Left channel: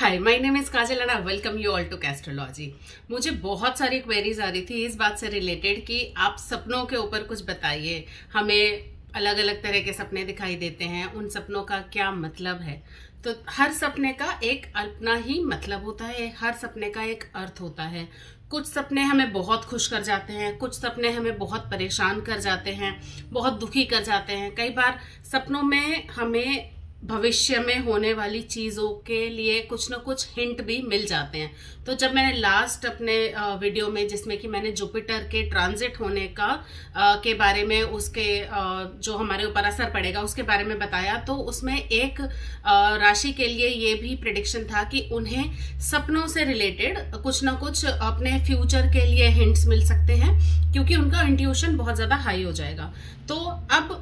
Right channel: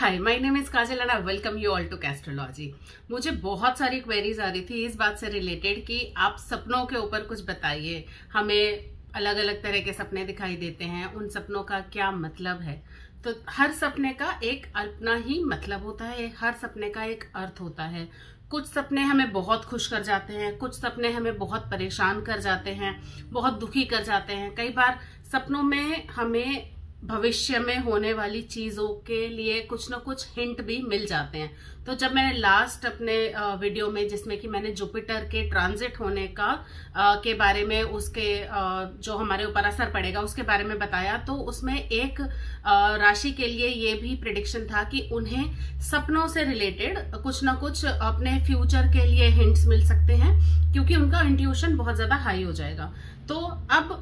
Hi, my name is Kajal and I welcome you all to Castrology. मुझे बहुत सारी queries आ रही थी इस बात से रिलेटेड कि आप सपनों के ऊपर कुछ बताइए। हमें अलग अलग तरह के सपने दिखाई देते हैं, उन सपनों का क्या मतलब है। तो हर सपने का एक अपना ही मतलब होता है, हर सपने का एक अर्थ होता है। कुछ सपने हमें बहुत खुश कर जाते हैं, कुछ सपने हमें बहुत परेशान कर जाते हैं, बहुत दुखी कर जाते हैं। कई बार सपनों में हमें भविष्य में होने वाली चीजों के लिए कुछ ना कुछ हिंट भी मिल जाते हैं। तो जब मैंने लास्ट अपने वीडियो में, जिसमें कि मैंने जुपिटर के ट्रांजिट होने का के बारे में, उसके जो हमारे ऊपर असर पड़ेगा उसके बारे में बताया, तो उसमें एक राशि के लिए ये भी प्रेडिक्शन था कि उन्हें सपनों से रिलेटेड कुछ ना कुछ अपने फ्यूचर के लिए हिंट्स मिल सकते हैं, क्योंकि उनका इंट्यूशन बहुत ज्यादा हाई हो जाएगा। तो अब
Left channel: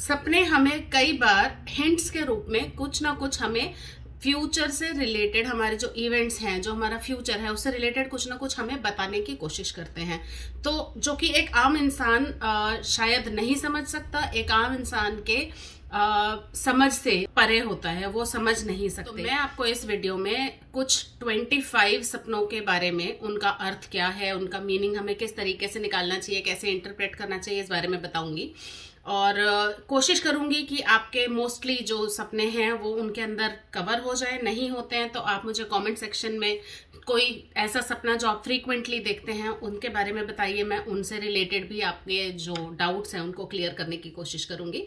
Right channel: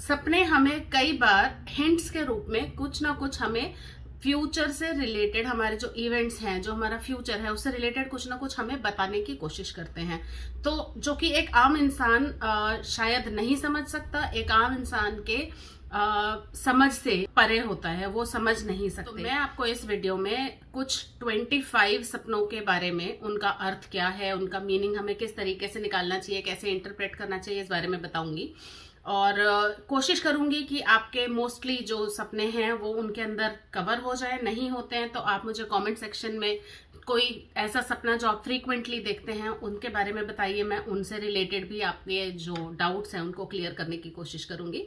सपने हमें कई बार हिंट्स के रूप में कुछ ना कुछ हमें फ्यूचर से रिलेटेड, हमारे जो इवेंट्स हैं, जो हमारा फ्यूचर है, उससे रिलेटेड कुछ ना कुछ हमें बताने की कोशिश करते हैं। तो जो कि एक आम इंसान शायद नहीं समझ सकता, एक आम इंसान के समझ से परे होता है, वो समझ नहीं सकते। तो मैं आपको इस वीडियो में कुछ 25 सपनों के बारे में, उनका अर्थ क्या है, उनका मीनिंग हमें किस तरीके से निकालना चाहिए, कैसे इंटरप्रेट करना चाहिए, इस बारे में बताऊंगी। और कोशिश करूंगी कि आपके मोस्टली जो सपने हैं वो उनके अंदर कवर हो जाए। नहीं होते हैं तो आप मुझे कमेंट सेक्शन में कोई ऐसा सपना जो आप फ्रीक्वेंटली देखते हैं उनके बारे में बताइए। मैं उनसे रिलेटेड भी आपके जो डाउट्स हैं उनको क्लियर करने की कोशिश करूंगी।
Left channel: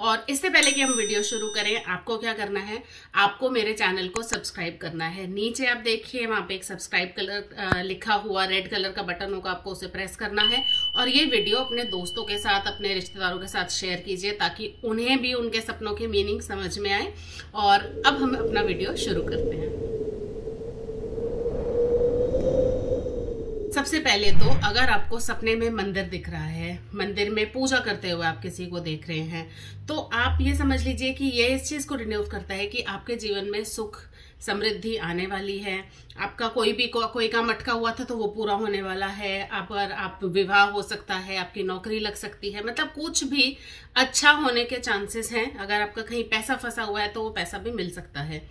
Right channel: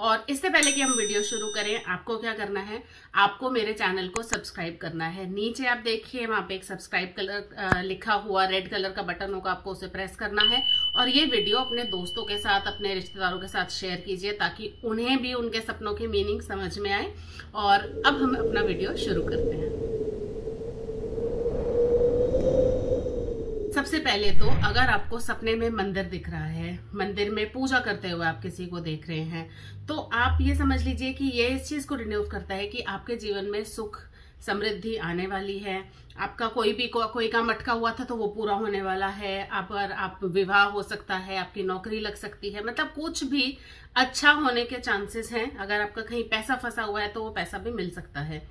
और इससे पहले कि हम वीडियो शुरू करें, आपको क्या करना है, आपको मेरे चैनल को सब्सक्राइब करना है। नीचे आप देखिए, वहां पे एक सब्सक्राइब कलर लिखा हुआ रेड कलर का बटन होगा, आपको उसे प्रेस करना है। और ये वीडियो अपने दोस्तों के साथ, अपने रिश्तेदारों के साथ शेयर कीजिए, ताकि उन्हें भी उनके सपनों की मीनिंग समझ में आए। और अब हम अपना वीडियो शुरू करते हैं। सबसे पहले तो अगर आपको सपने में मंदिर दिख रहा है, मंदिर में पूजा करते हुए आप किसी को देख रहे हैं, तो आप ये समझ लीजिए कि ये इस चीज को डिनोट करता है कि आपके जीवन में सुख समृद्धि आने वाली है। आपका कोई काम अटका हुआ था तो वो पूरा होने वाला है। आप विवाह हो सकता है, आपकी नौकरी लग सकती है, मतलब कुछ भी अच्छा होने के चांसेस हैं। अगर आपका कहीं पैसा फंसा हुआ है तो वो पैसा भी मिल सकता है।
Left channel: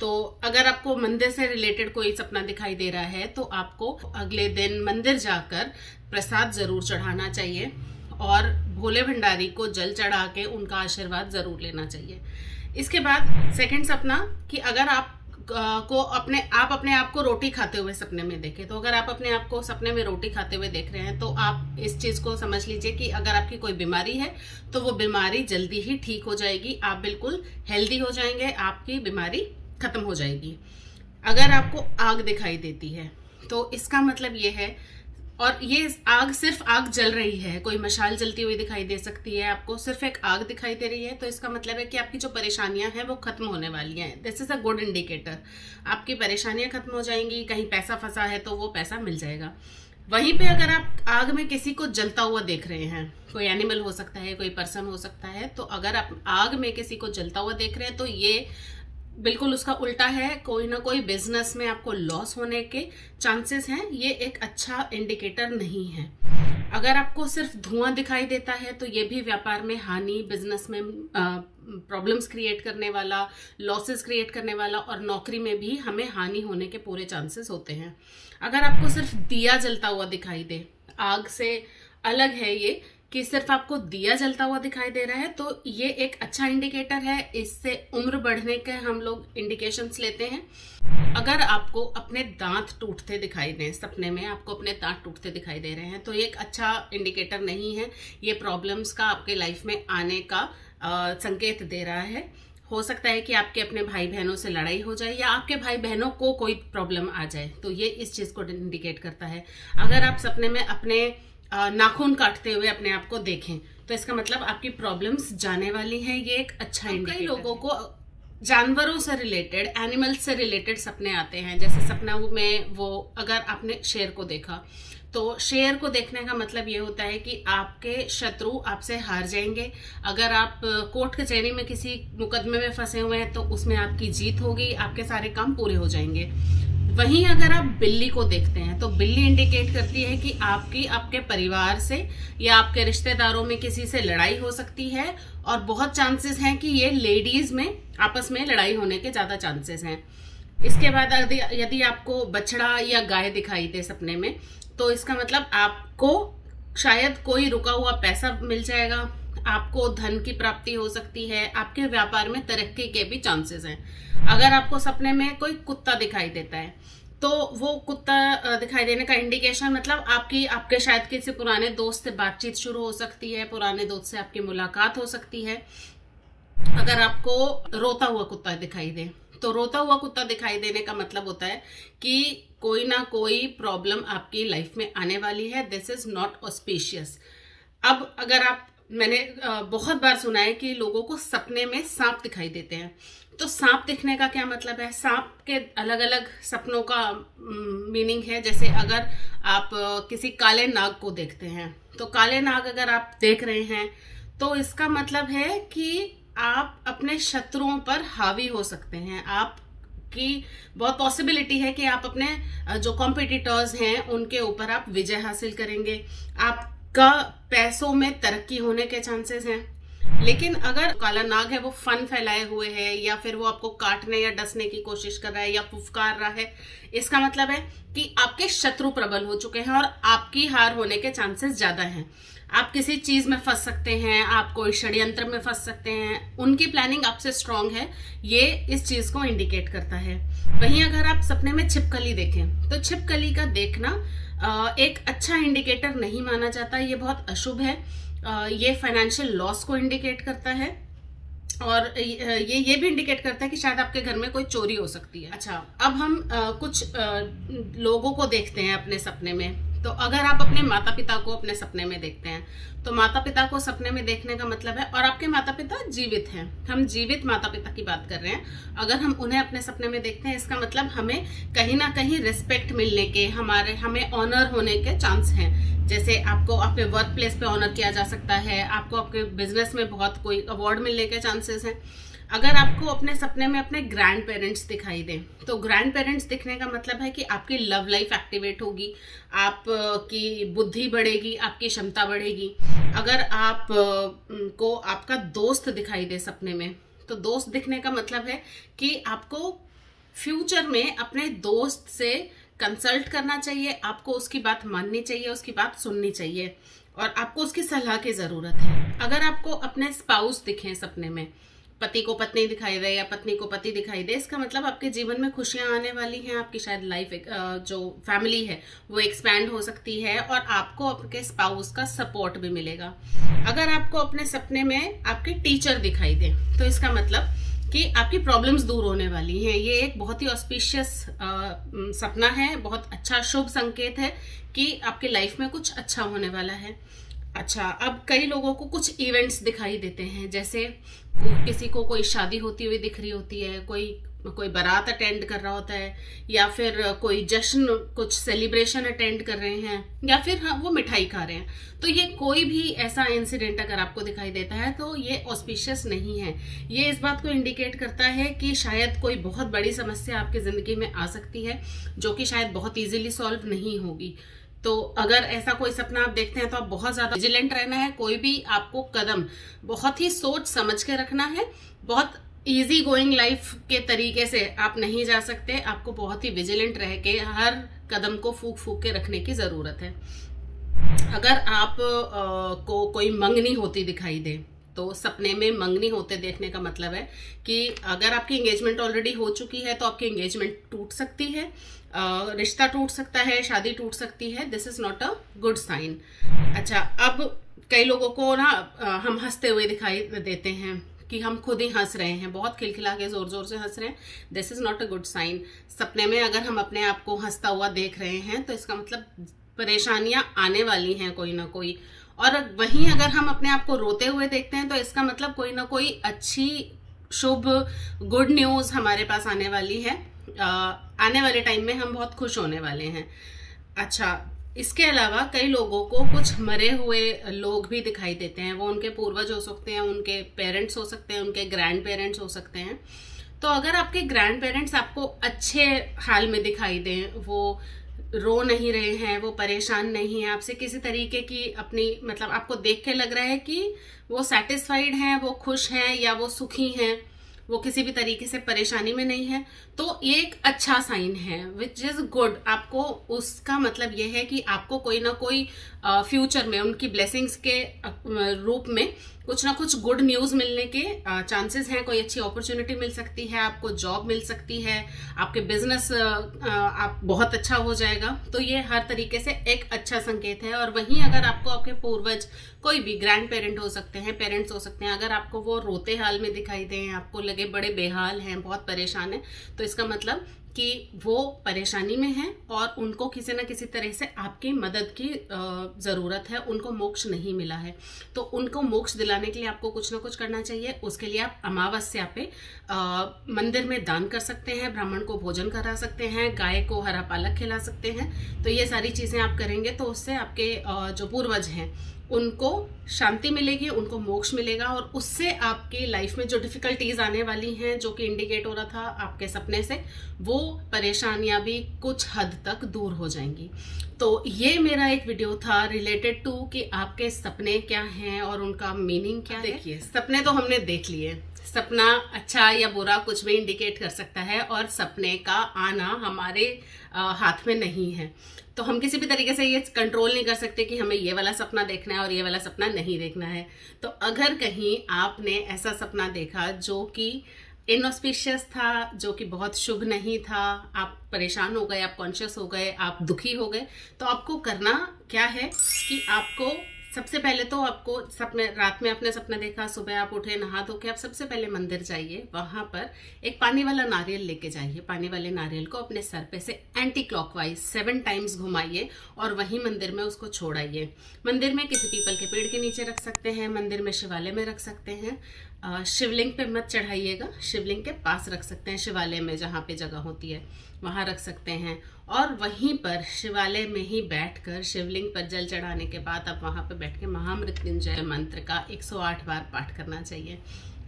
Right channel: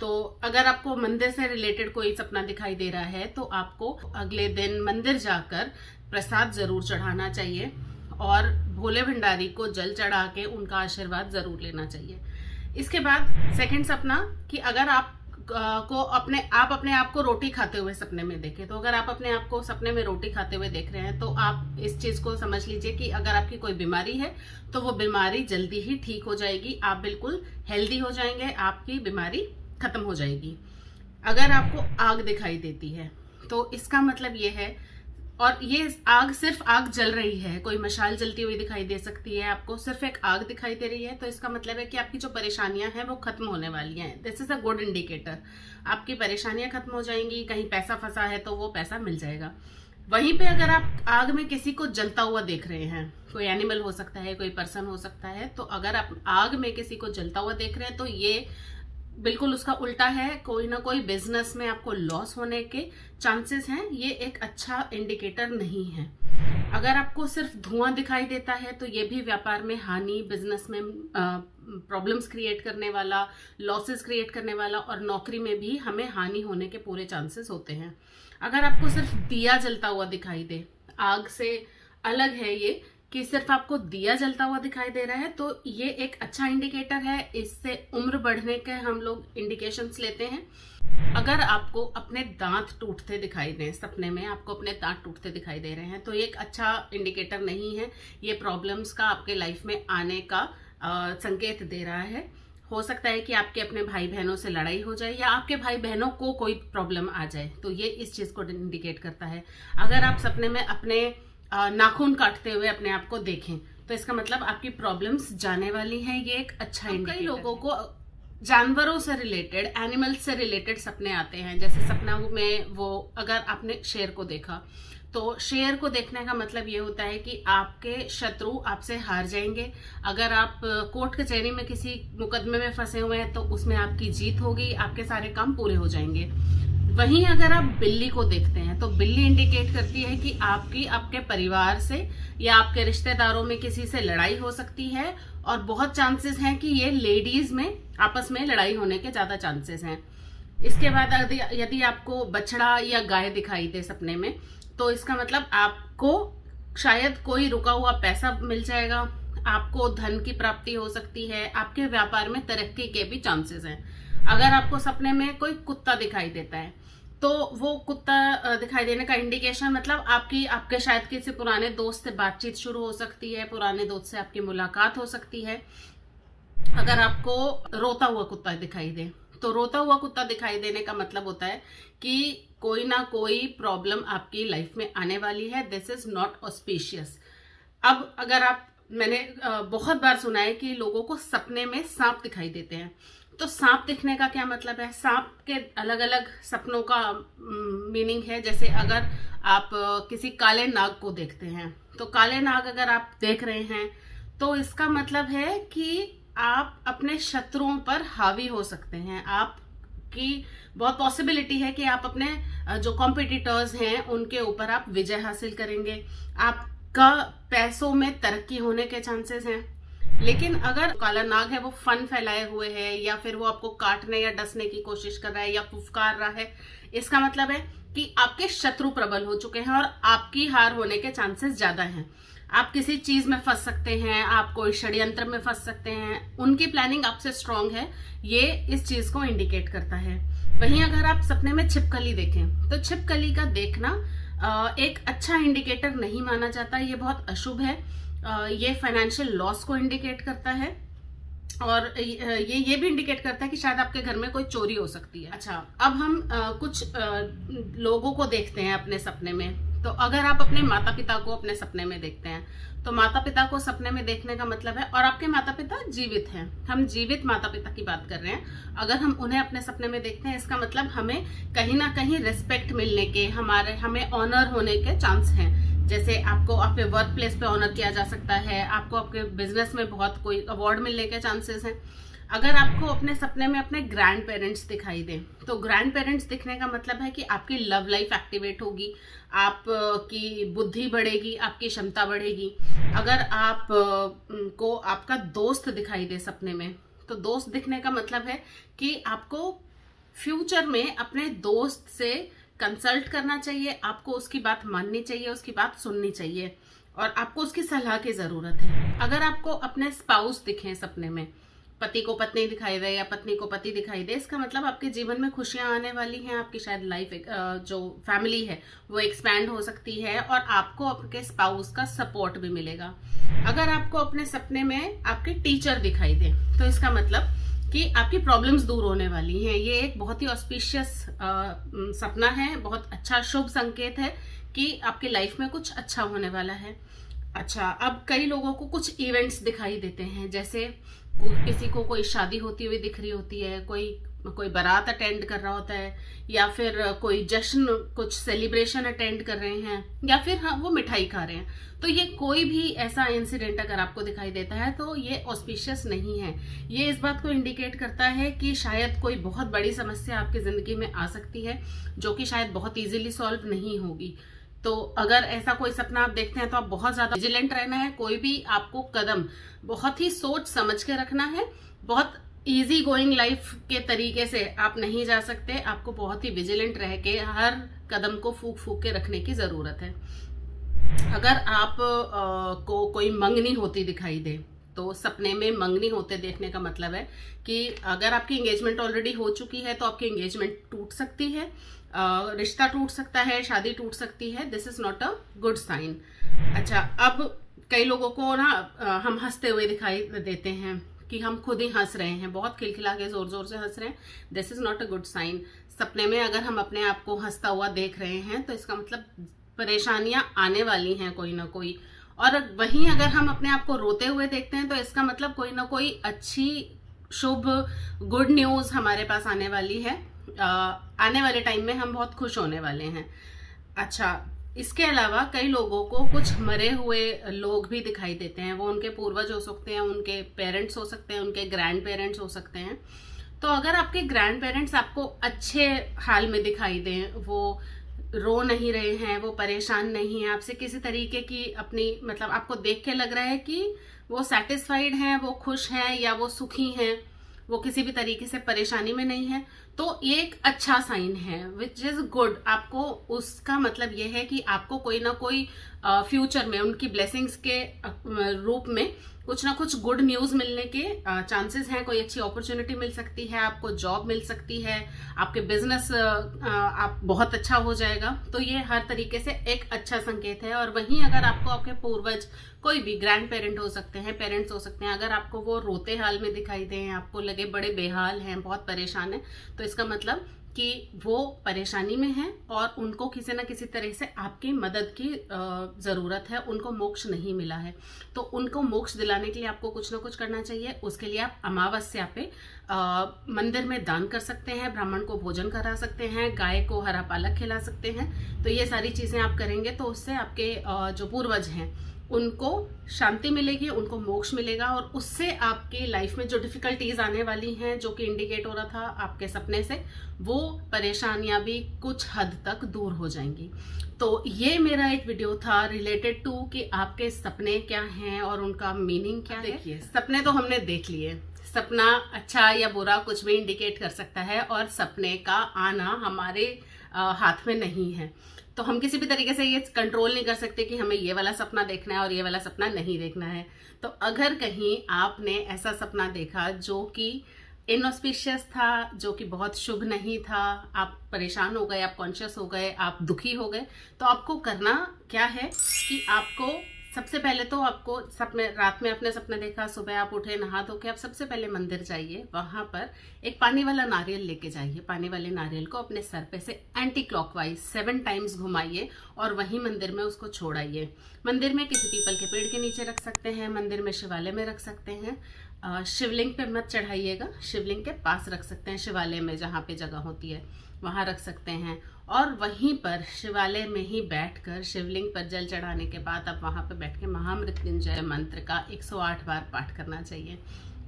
तो अगर आपको मंदिर से रिलेटेड कोई सपना दिखाई दे रहा है तो आपको अगले दिन मंदिर जाकर प्रसाद जरूर चढ़ाना चाहिए और भोले भंडारी को जल चढ़ा के उनका आशीर्वाद जरूर लेना चाहिए। इसके बाद सेकंड सपना, कि अगर आप अपने आप को रोटी खाते हुए सपने में देखें, तो अगर आप अपने आप को सपने में रोटी खाते हुए देख रहे हैं तो आप इस चीज को समझ लीजिए कि अगर आपकी कोई बीमारी है तो वो बीमारी जल्दी ही ठीक हो जाएगी, आप बिल्कुल हेल्दी हो जाएंगे, आपकी बीमारी खत्म हो जाएगी। अगर आपको आग दिखाई देती है तो इसका मतलब ये है, और ये आग सिर्फ आग जल रही है, कोई मशाल जलती हुई दिखाई दे सकती है, आपको सिर्फ एक आग दिखाई दे रही है, तो इसका मतलब है कि आपकी जो परेशानियां हैं वो खत्म होने वाली हैं। This is a good indicator. आपकी परेशानियां खत्म हो जाएंगी, कहीं पैसा फंसा है तो वो पैसा मिल जाएगा। वहीं पे अगर आप आग में किसी को जलता हुआ देख रहे हैं, कोई एनिमल हो सकता है, कोई पर्सन हो सकता है, तो अगर आप आग में किसी को जलता हुआ देख रहे हैं तो ये बिल्कुल उसका उल्टा है। कोई ना कोई बिजनेस में आपको लॉस होने के चांसेस हैं, ये एक अच्छा इंडिकेटर नहीं है। अगर आपको सिर्फ धुआं दिखाई देता है तो ये भी व्यापार में हानि, बिजनेस में प्रॉब्लम्स क्रिएट करने वाला, लॉसेस क्रिएट करने वाला, और नौकरी में भी हमें हानि होने के पूरे चांसेस होते हैं। अगर आपको सिर्फ दिया जलता हुआ दिखाई दे, आग से अलग है ये कि सिर्फ आपको दिया जलता हुआ दिखाई दे रहा है, तो ये एक अच्छा इंडिकेटर है। इससे उम्र बढ़ने के हम लोग इंडिकेशंस लेते हैं। अगर आपको अपने दांत टूटते दिखाई दें, सपने में आपको अपने दांत टूटते दिखाई दे रहे हैं, तो ये एक अच्छा इंडिकेटर नहीं है। ये प्रॉब्लम्स का आपके लाइफ में आने का संकेत दे रहा है। हो सकता है कि आपके अपने भाई बहनों से लड़ाई हो जाए, या आपके भाई बहनों को कोई प्रॉब्लम आ जाए, तो ये इस चीज को इंडिकेट करता है। अगर आप सपने में अपने नाखून काटते हुए अपने आप को देखें तो इसका मतलब आपकी प्रॉब्लम्स जाने वाली हैं, ये एक अच्छा इंडिकेटर। कई लोगों को जानवरों से रिलेटेड, एनिमल्स से रिलेटेड सपने आते हैं। जैसे सपना में वो, अगर आपने शेर को देखा तो शेर को देखने का मतलब ये होता है कि आपके शत्रु आपसे हार जाएंगे। अगर आप कोर्ट कचहरी में किसी मुकदमे में फंसे हुए हैं तो उसमें आपकी जीत होगी, आपके सारे काम पूरे हो जाएंगे। वहीं अगर आप बिल्ली को देखते हैं तो बिल्ली इंडिकेट करती है कि आपके परिवार से या आपके रिश्तेदारों में किसी से लड़ाई हो सकती है, और बहुत चांसेस हैं कि ये लेडीज में आपस में लड़ाई होने के ज्यादा चांसेस हैं। इसके बाद यदि आपको बछड़ा या गाय दिखाई दे सपने में, तो इसका मतलब आपको शायद कोई रुका हुआ पैसा मिल जाएगा, आपको धन की प्राप्ति हो सकती है, आपके व्यापार में तरक्की के भी चांसेस हैं। अगर आपको सपने में कोई कुत्ता दिखाई देता है, तो वो कुत्ता दिखाई देने का इंडिकेशन मतलब आपके शायद किसी पुराने दोस्त से बातचीत शुरू हो सकती है, पुराने दोस्त से आपकी मुलाकात हो सकती है। अगर आपको रोता हुआ कुत्ता दिखाई दे, तो रोता हुआ कुत्ता दिखाई देने का मतलब होता है कि कोई ना कोई प्रॉब्लम आपकी लाइफ में आने वाली है। This is not auspicious. अब अगर मैंने बहुत बार सुना है कि लोगों को सपने में सांप दिखाई देते हैं, तो सांप दिखने का क्या मतलब है? सांप के अलग अलग सपनों का मीनिंग है। जैसे अगर आप किसी काले नाग को देखते हैं, तो काले नाग अगर आप देख रहे हैं, तो इसका मतलब है कि आप अपने शत्रुओं पर हावी हो सकते हैं। आपकी बहुत पॉसिबिलिटी है कि आप अपने जो कॉम्पिटिटर्स हैं उनके ऊपर आप विजय हासिल करेंगे। आपका पैसों में तरक्की होने के चांसेस हैं। लेकिन अगर काला नाग है वो फन फैलाए हुए है, या फिर वो आपको काटने या डसने की कोशिश कर रहा है या फुफकार रहा है, इसका मतलब है कि आपके शत्रु प्रबल हो चुके हैं और आपकी हार होने के चांसेस ज्यादा हैं। आप किसी चीज में फंस सकते हैं, आप कोई षड्यंत्र में फंस सकते हैं, उनकी प्लानिंग आपसे स्ट्रांग है, ये इस चीज को इंडिकेट करता है। वहीं अगर आप सपने में छिपकली देखें, तो छिपकली का देखना एक अच्छा इंडिकेटर नहीं माना जाता, ये बहुत अशुभ है। ये फाइनेंशियल लॉस को इंडिकेट करता है, और ये भी इंडिकेट करता है कि शायद आपके घर में कोई चोरी हो सकती है। अच्छा, अब हम कुछ लोगों को देखते हैं अपने सपने में। तो अगर आप अपने माता पिता को अपने सपने में देखते हैं, तो माता पिता को सपने में देखने का मतलब है, और आपके माता पिता जीवित हैं, हम जीवित माता पिता की बात कर रहे हैं, अगर हम उन्हें अपने सपने में देखते हैं, इसका मतलब हमें कहीं ना कहीं रिस्पेक्ट मिलने के, हमें ऑनर होने के चांस हैं। जैसे आपको आपके वर्क प्लेस पे ऑनर किया जा सकता है, आपको आपके बिजनेस में बहुत कोई अवार्ड मिलने के चांसेस हैं। अगर आपको अपने सपने में अपने ग्रैंड पेरेंट्स दिखाई दें, तो ग्रैंड पेरेंट्स दिखने का मतलब है कि आपकी लव लाइफ एक्टिवेट होगी, आपकी बुद्धि बढ़ेगी, आपकी क्षमता बढ़ेगी। अगर आप को आपका दोस्त दिखाई दे सपने में, तो दोस्त दिखने का मतलब है कि आपको फ्यूचर में अपने दोस्त से कंसल्ट करना चाहिए, आपको उसकी बात माननी चाहिए, उसकी बात सुननी चाहिए, और आपको उसकी सलाह की जरूरत है। अगर आपको अपने स्पाउस दिखे सपने में, पति को पत्नी दिखाई दे या पत्नी को पति दिखाई दे, इसका मतलब आपके जीवन में खुशियां आने वाली हैं, आपकी शायद लाइफ जो फैमिली है वो एक्सपैंड हो सकती है, और आपको आपके स्पाउस का सपोर्ट भी मिलेगा। अगर आपको अपने सपने में आपके टीचर दिखाई दे, तो इसका मतलब कि आपकी प्रॉब्लम्स दूर होने वाली हैं। ये एक बहुत ही ऑस्पिशियस सपना है, बहुत अच्छा शुभ संकेत है कि आपकी लाइफ में कुछ अच्छा होने वाला है। अच्छा, अब कई लोगों को कुछ इवेंट्स दिखाई देते हैं, जैसे किसी को कोई शादी होती हुई दिख रही होती है, कोई बारात अटेंड कर रहा होता है, या फिर कोई जश्न, कुछ सेलिब्रेशन अटेंड कर रहे हैं, या फिर वो मिठाई खा रहे हैं। तो ये कोई भी ऐसा इंसिडेंट अगर आपको दिखाई देता है, तो ये ऑस्पिशियस नहीं है। ये इस बात को इंडिकेट करता है कि शायद कोई बहुत बड़ी समस्या आपकी जिंदगी में आ सकती है, जो कि शायद बहुत इजीली सॉल्व नहीं होगी। तो अगर ऐसा कोई सपना आप देखते हैं, तो आप बहुत ज्यादा विजिलेंट रहना है। कोई भी आपको कदम बहुत ही सोच समझ के रखना है। बहुत इजी गोइंग लाइफ के तरीके से आप नहीं जा सकते, आपको बहुत ही विजिलेंट रह के हर कदम को फूक फूक के रखने की जरूरत है। अगर आप को कोई मंगनी होती दिखाई दे, तो सपने में मंगनी होते देखने का मतलब है कि अगर आपकी एंगेजमेंट ऑलरेडी हो चुकी है, तो आपकी एंगेजमेंट टूट सकती है, रिश्ता टूट सकता है, शादी टूट सकती है। This is not a good sign. अच्छा, अब कई लोगों को ना हम हंसते हुए दिखाई देते हैं कि हम खुद ही हंस रहे हैं, बहुत खिलखिला के जोर जोर से हंस रहे हैं। This is not a good sign. सपने में अगर हम अपने आप को हंसता हुआ देख रहे हैं, तो इसका मतलब परेशानियां आने वाली हैं कोई ना कोई। और वहीं अगर हम अपने आप को रोते हुए देखते हैं, तो इसका मतलब कोई ना कोई अच्छी शुभ गुड न्यूज हमारे पास आने वाली है। आने वाले टाइम में हम बहुत खुश होने वाले हैं। अच्छा, इसके अलावा कई लोगों को कुछ मरे हुए लोग भी दिखाई देते हैं। वो उनके पूर्वज हो सकते हैं, उनके पेरेंट्स हो सकते हैं, उनके ग्रैंड पेरेंट्स हो सकते हैं। तो अगर आपके ग्रैंड पेरेंट्स आपको अच्छे हाल में दिखाई दें, वो रो नहीं रहे हैं, वो परेशान नहीं है आपसे किसी तरीके की, अपनी मतलब आपको देख के लग रहा है कि वो सेटिस्फाइड हैं, वो खुश हैं या वो सुखी हैं, वो किसी भी तरीके से परेशानी में नहीं है, तो ये एक अच्छा साइन है, विच इज गुड। आपको उसका मतलब ये है कि आपको कोई ना कोई फ्यूचर में उनकी ब्लेसिंग्स के रूप में कुछ ना कुछ गुड न्यूज मिलने के चांसेस हैं। कोई अच्छी अपॉर्चुनिटी मिल सकती है, आपको जॉब मिल सकती है, आपके बिजनेस आप बहुत अच्छा हो जाएगा। तो ये हर तरीके से एक अच्छा संकेत है। और वहीं अगर आपको आपके पूर्वज, कोई भी ग्रैंड पेरेंट हो सकते हैं, पेरेंट्स हो सकते हैं, अगर आपको वो रोते हाल में दिखाई दें, आपको लगे बड़े बेहाल हैं, बहुत परेशान है, तो इसका मतलब कि वो परेशानी में हैं और उनको किसी न किसी तरह से आपकी मदद की जरूरत है, उनको मोक्ष नहीं मिला है। तो उनको मोक्ष दिलाने के लिए आपको कुछ ना कुछ करना चाहिए। उसके लिए आप अमावस्या पे मंदिर में दान कर सकते हैं, ब्राह्मण को भोजन करा सकते हैं, गाय को हरा पालक खिला सकते हैं। तो ये सारी चीजें आप करेंगे तो उससे आपके जो पूर्वज हैं उनको शांति मिलेगी, उनको मोक्ष मिलेगा और उससे आपकी लाइफ में जो डिफिकल्टीज आने वाली हैं, जो कि इंडिकेट हो रहा था आपके सपने से, वो परेशानियां भी कुछ हद तक दूर हो जाएंगी। तो ये मेरा एक वीडियो था रिलेटेड टू कि आपके सपने क्या हैं और उनका मीनिंग क्या है। देखिए, सपने तो हमने देख लिए, सपना अच्छा या बुरा कुछ भी इंडिकेट कर सकता है और सपने का आना हमारे हाथ में नहीं है। तो हम किसी भी तरीके से ये कंट्रोल नहीं कर सकते कि हमें ये वाला सपना देखना है और ये वाला सपना नहीं देखना है। तो अगर कहीं आपने ऐसा सपना देखा जो कि इनऑस्पिशियस था, जो कि बहुत शुभ नहीं था, आप परेशान हो गए, आप कॉन्शियस हो गए, आप दुखी हो गए, तो आपको करना क्या है कि आपको सबसे पहले तो आपको सपने, रात में आपने सपने देखा, सुबह आप उठे, नहा धो के आप सबसे पहले मंदिर जाइए, वहां पर एक पानी वाला नारियल लेके जाइए। पानी वाले नारियल को अपने सर पे से एंटी क्लॉकवाइज 7 टाइम्स घुमाइए और वहीं मंदिर में उसको छोड़ाइए। मंदिर में किसी पीपल के पेड़ के नीचे रख सकते हैं, मंदिर में शिवालय में रख सकते हैं। शिवलिंग पे मत चढ़ाइएगा, शिवलिंग के पास रख सकते हैं, शिवालय में जहाँ पे जगह होती है वहां रख सकते हैं। और वहीं पर शिवालय में ही बैठकर शिवलिंग पर जल चढ़ाने के बाद आप वहां पर बैठ के महामृत्युंजय मंत्र का 108 बार पाठ करना चाहिए।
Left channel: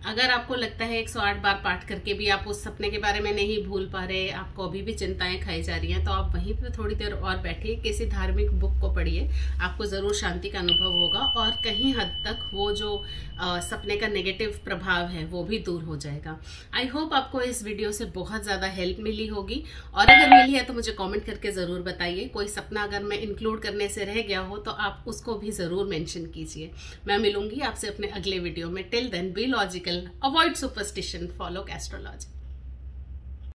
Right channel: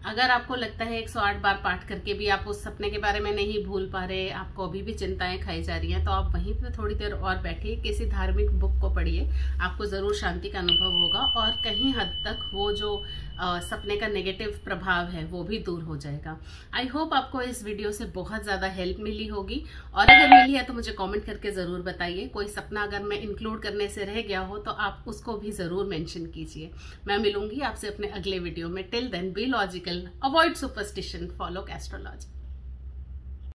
अगर आपको लगता है 108 बार पाठ करके भी आप उस सपने के बारे में नहीं भूल पा रहे, आपको अभी भी चिंताएं खाई जा रही हैं, तो आप वहीं पर थोड़ी देर और बैठिए, किसी धार्मिक बुक को पढ़िए, आपको जरूर शांति का अनुभव होगा और कहीं हद तक वो जो सपने का नेगेटिव प्रभाव है वो भी दूर हो जाएगा। आई होप आपको इस वीडियो से बहुत ज्यादा हेल्प मिली होगी और अगर मिली है तो मुझे कमेंट करके जरूर बताइए। कोई सपना अगर मैं इंक्लूड करने से रह गया हो तो आप उसको भी जरूर मेंशन कीजिए। मैं मिलूंगी आपसे अपने अगले वीडियो में। Till then be logical, avoid superstition, follow astrology.